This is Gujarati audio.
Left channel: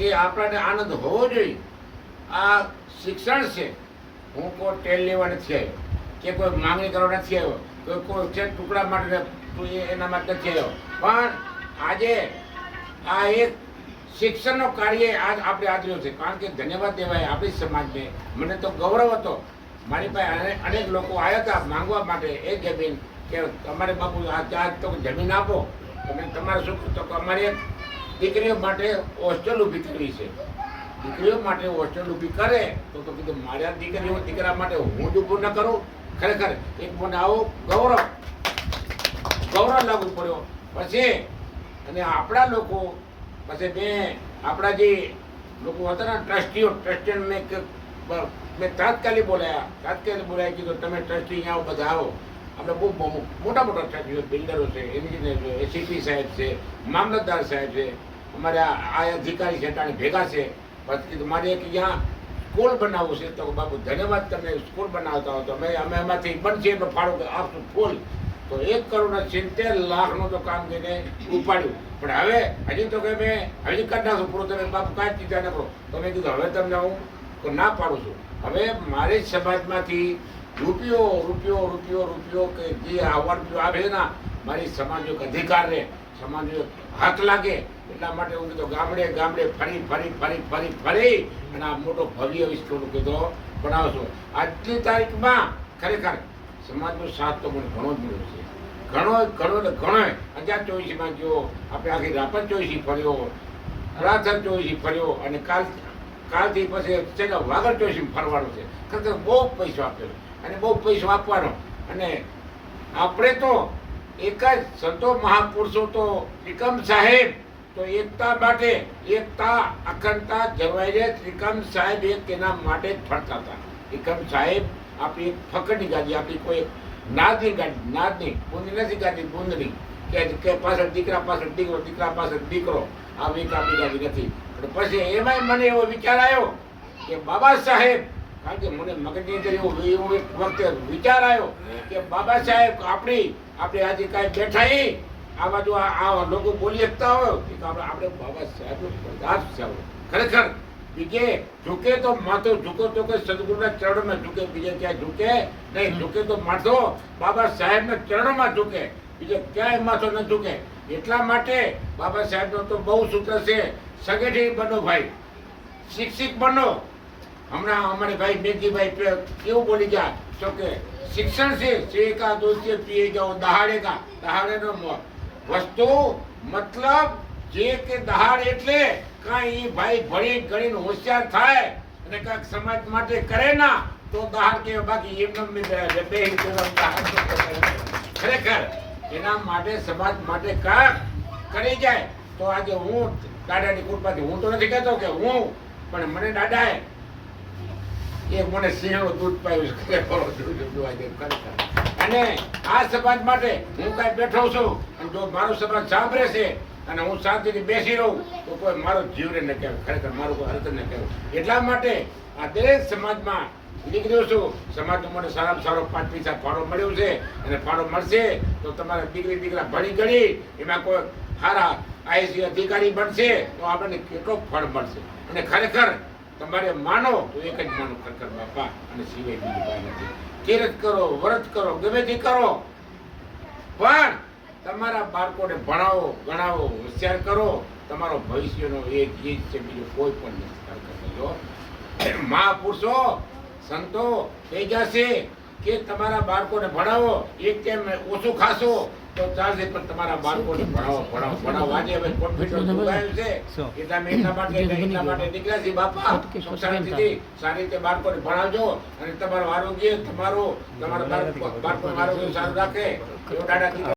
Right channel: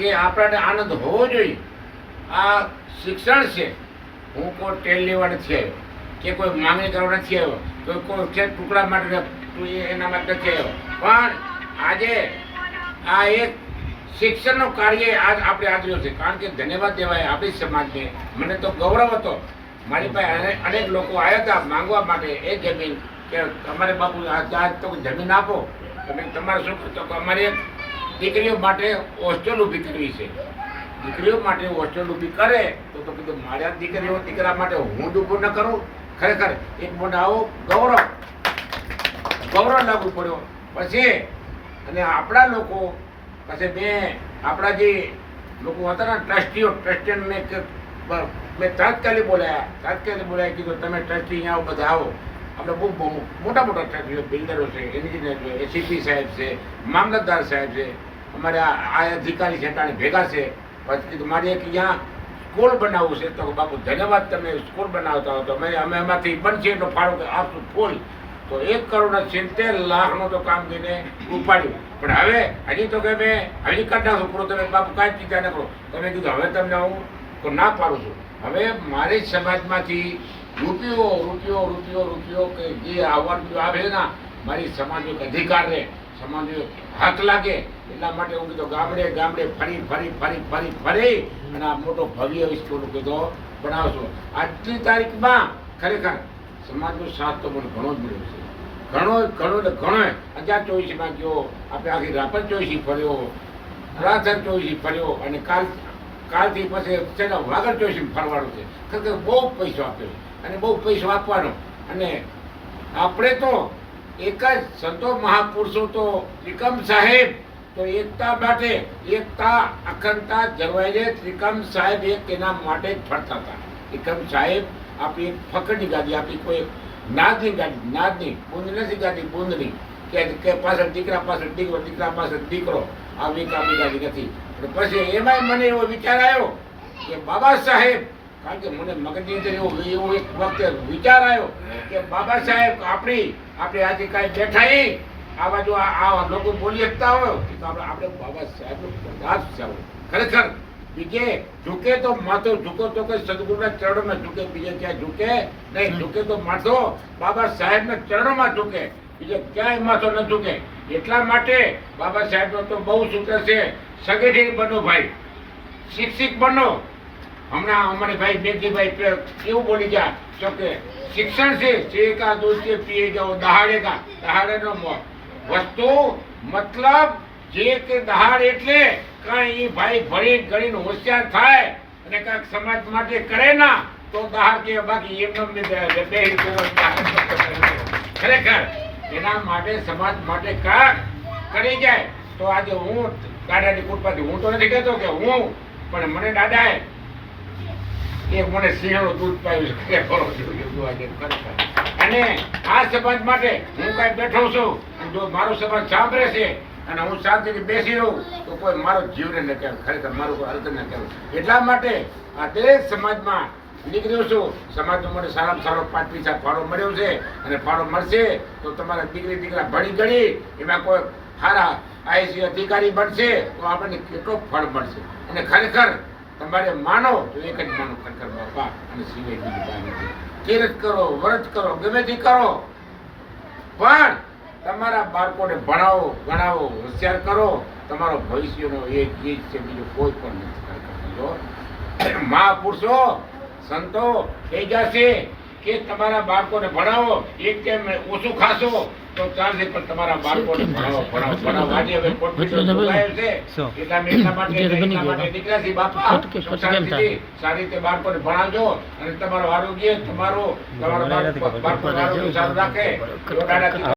કે આપણને આનંદ હોવો જોઈએ. આ શિક્ષણ છે. હું કોઈ ટેલ લેવા આવ્યો, કે કોઈ માંગણી કરવા નથી આવ્યો કોઈ કોઈ છે ટુકડા માટે એના માટે નથી આવ્યો. પણ આજે આ એક શિક્ષણનું કાર્ય આજ આપણે આદર્યો છે. કારણ કે ધન્યવાદ દેવાય આપણી સમાજને. મને તો ગૌરવ હતો. મારી પાસે અને- અનેક લોકો આવ્યા હતા માંગવા માટે એ જમીન કે તમારે બાપુ આ તો જમીન આપો. તમે તમારે શું તો અમારે દીકરીઓ માટે હોસ્ટેલ ઊભી કરવી છે. દીકરીઓ માટે હોસ્ટેલ ઊભી કરે તો તો કીધું, મારા દીકરીઓ દીકરા માટે હું ઊભું ન કરું. ખરેખર એક આવો ગૌરવ ગૌરવ લાગુ પડ્યો. પછી અને આપણા લોકો, પછી મેં આપણા જે લોકો હતા ને ટ્રસ્ટીઓ ટ્રસ્ટીને મેં મેં તાત્કાલિક બોલાયા. તાત્કાલિક બોલાયા, કીધું, તમે ટ્રસ્ટી અહીંયા આવો, બધા આવો. આપણે બહુ મોટા મોટા ટ્રસ્ટીઓ, બિલ્ડરો છે, એન્જિનિયર છે, એસીપી સાહેબ છે, મામલતદાર સાહેબ છે. અમારે આ અધિકારી છે તાણે ભેગા છે. પછી મારે એક અહીંયા સ્કૂલ બનાવવું છે. તો બાપુ, ધન્યવાદ તમે સ્કૂલ બનાવતા હો. તો અમે અમે એમાંથી બનશે એટલો ફાળો આપશું ફૂલ. તો એક કરોડ સિત્તેર લાખનું તો કામ કરીને ઉપાડ્યું. પણ હવે હજી તો કે મેં હજી કાઢ નાખું પૂરો તમે બાપુ કાંઈ ચિંતા ન કરો. તમે કીધું, હવે તમને હું ના પાડું છું. હવે મારી સમાજમાંથી રૂપિયો રૂપિયો રૂપિયો રૂપિયો કે જે આવવાનું આવે ને મારી સમાજનો અધિકાર રહે. સમાજનો હાથ લાગે એટલા માટે હું કીધું, ગામડે ગામડે ફરી ફરી ફરી ફરી ફરી અને આ મોટો ભવ્ય વિસ્ફોટ કીધો, બનાવશો. આજની તારીખમાં ખરેખર સમાજનો સાથ તો મને ઘણો જ મળ્યો છે. ઘણો ઘણો એટલે ઘણો. હજાર ચોવીસમાં ગયો, આપણે આખી રાપર ચોવીસી ફર્યો રાધર ચોવીસી ફર્યો અને કાલ, કાલથી પછી છે ને વાગડ ચોવીસી ફરવાનું છે. ખરેખર બહુ પૈસો આપ્યો છે. અને બહુ પૈસો આપવાનો. અને આપણે તો એક જ સંતો મહાપુરુષો તો ત્રિકમ સાહેબ, તો એકતા માટે એકતા અખંડતા જળવાઈ રહે. ત્રિકમ સાહેબ એક એના માટે જ ફરતા હતા. ત્રિકમ સાહેબ આપણી એક ફકડની ગાદી, આપણી કોઈ નાદની ગાડી નાદની બુંદ નથી ગાડી બુંદની. કે પાછળ દીકરા પાછળ દીકરો, દીકરા પાછળ દીકરો આવી કામની ગાડી નથી. પણ પછી એમાંય મને એવો વિચાર આવ્યો કે બાબા સાહેબ કારણ કે મને મગજની અંદર એવો એવો એક વખતે વિચાર આવ્યો કે બાબા સાહેબ, આપણી, આપણે આજે કાંઈ બેઠા આ બાજુ આ લોકો બોલી શકતા હોય. તો આપણે બાબા સાહેબ પ્રદાસ છે ખરેખર, બીજે ઝૂકે તો માથો, ઝૂકો તો કે સદગુરુના ચરણમાં ઝૂકે, બીજે ક્યાં ઝૂકે નહીં. ઝૂકે તો માથો બાબા સાહેબના ચરણમાં ઝૂકે. બીજે ક્યાંય માથો ન ઝૂકે. એટલા માટે બાબા સાહેબનો તો બહુ સૂત્ર છે. સગેઠી બનો ભાઈ. શિક્ષિત બનો. હમણાં અમારે ભાઈ બેનજીભાઈ પે- એવું બોલી ગયા? તો કે, શિક્ષણ છે શેકા કા છે પીએ જાઓ દહાડેગા દહાડેનો મોત વસ્તુ, મતલબ, જે કે દહાડ એટલે કાંઈ એ ભાઈ ભણી ગણીને હોશિયાર થાય અને કાંઈક સમાજ માટે કરે ના, તો દહાડ કે બાકી એમને ખરેખર, એના માટે સમાજ માટે કાંક કરી જાય. તો આજે હું દાદાની કૃપાથી હું તો નથી કહેતો કે હું, પણ મને દાદાએ એક મને સિંહણું દૂધ પાયું ખરેખર. અને આ સમાજ માટે હું કાંઈ બેઠો છું. જો મારો સમાજ સાંભળે છે અને હું શાંતિથી બેસી રહું, તો કોઈ મારો જીવને ન કહેવાય. ખરેખર મારું કોઈ અર્થ ન કહેવાય. એટલા માટે આ દરેક સમાજમાં નીકળ્યો છું. સમાજનો મને સારામાં સારો પાંચ પૈસા ફાળો મળ્યો છે. અને ફાળો મળશે તો તમારા દીકરી, દીકરા ભણી ગણી એમાં કોઈ સારા આઈસી અધિકારી બનશે તો આપણને કેટલો ફળ મળશે. અને ખરેખર તમારે માનો તો એક જ માનો ખરેખર બાપા, અને સિવાય બીજું કાંઈ નથી. કિરત કરો, વ્રત કરો, ગમે તે કરો. પણ તમારા બાળકોને ભણાવો, ગણાવો, હોશિયાર કરો. તમારો ભવિષ્યનો એક ગીત છે, બીજું કોઈ પણ નથી. ખરેખર મહાપુરુષો, સંતો, થઈ જશે. કે તમારા બાળકોને ભણાવો એક ટાઈમ ઓછું ખાશો તો ચાલશે પણ તમારા બાળકોને ભણાવો ભણાવો ભણાવો. આજે હવે કોન્ફિડન્સ જોડાયું છે એટલે અમે એટલા માટે એટલા માટે નીકળ્યા છીએ બાપા શાંતિથી સારી રીતે બાળકોને ભણાવજો અને તમારું આરોગ્ય તમારું તમારું બાળકો બાળકોનું આરોગ્ય સારું રાખે.